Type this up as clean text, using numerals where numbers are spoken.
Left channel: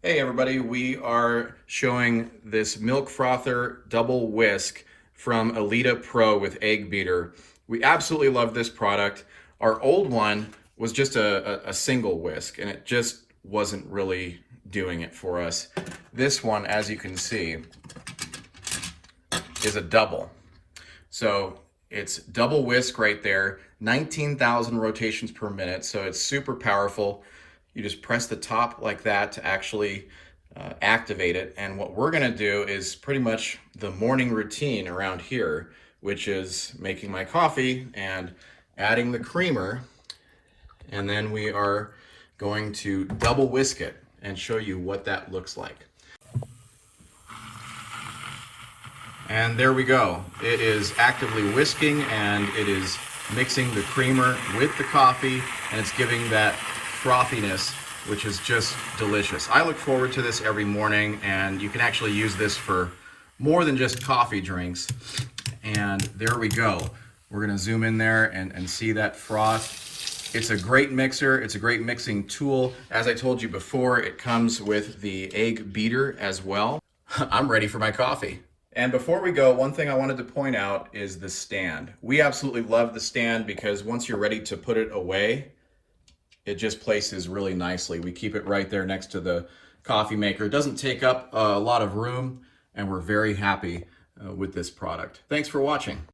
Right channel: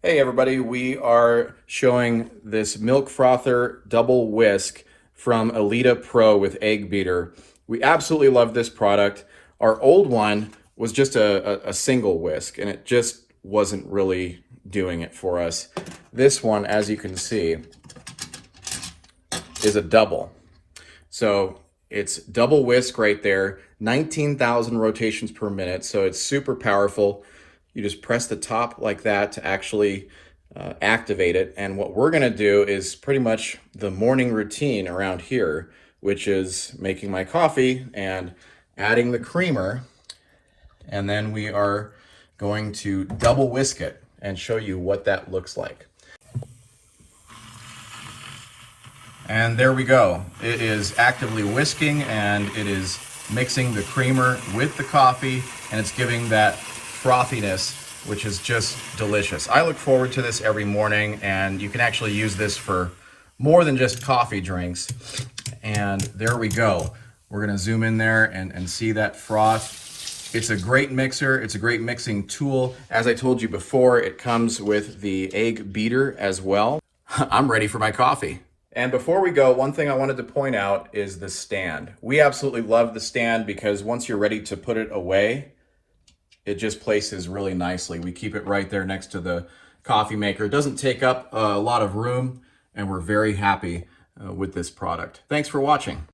Hey everybody, we are showing this milk frother double whisk from ElitaPro with egg beater. We absolutely love this product. Our old one was just a single whisk and it just wasn't really doing it for us. This one, as you can see, is a double. So it's double whisk right there, 19,000 rotations per minute. So it's super powerful. You just press the top like that to actually activate it. And what we're gonna do is pretty much the morning routine around here, which is making my coffee and adding the creamer. And then we are going to double whisk it and show you what that looks like. And there we go. It is actively whisking and it is mixing the creamer with the coffee, and it's giving that frothiness, which is just delicious. I look forward to this every morning, and you can actually use this for more than just coffee drinks. And there we go. We're gonna zoom in there and see that froth. It's a great mixer. It's a great mixing tool. As I told you before, it comes with the egg beater as well. I'm ready for my coffee. And before we go, one thing I wanted to point out is the stand. We absolutely love the stand because once you're ready to put it away, it just places really nicely. We keep it right there next to the coffee maker. It doesn't take up a lot of room, and we're very happy with this product. Thanks for watching.